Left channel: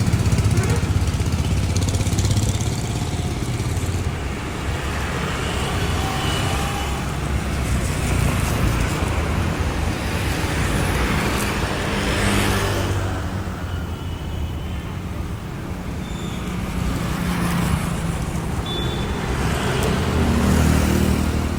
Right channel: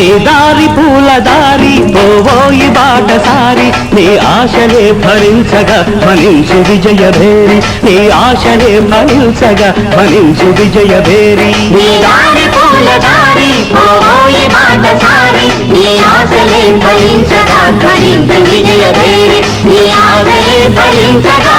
నీ దారి పూల దారి పోవోయి బాటసారి నీ ఆశలే ఫలించగా ఫలించు విజయభేరి నీ ఆశలే ఫలించగా ఫలించు విజయభేరి నీ దారి పూల దారి పోవోయి బాటసారి నీ ఆశలే ఫలించగా ఫలించు విజయభేరి నీ ఆశలే ఫలించగా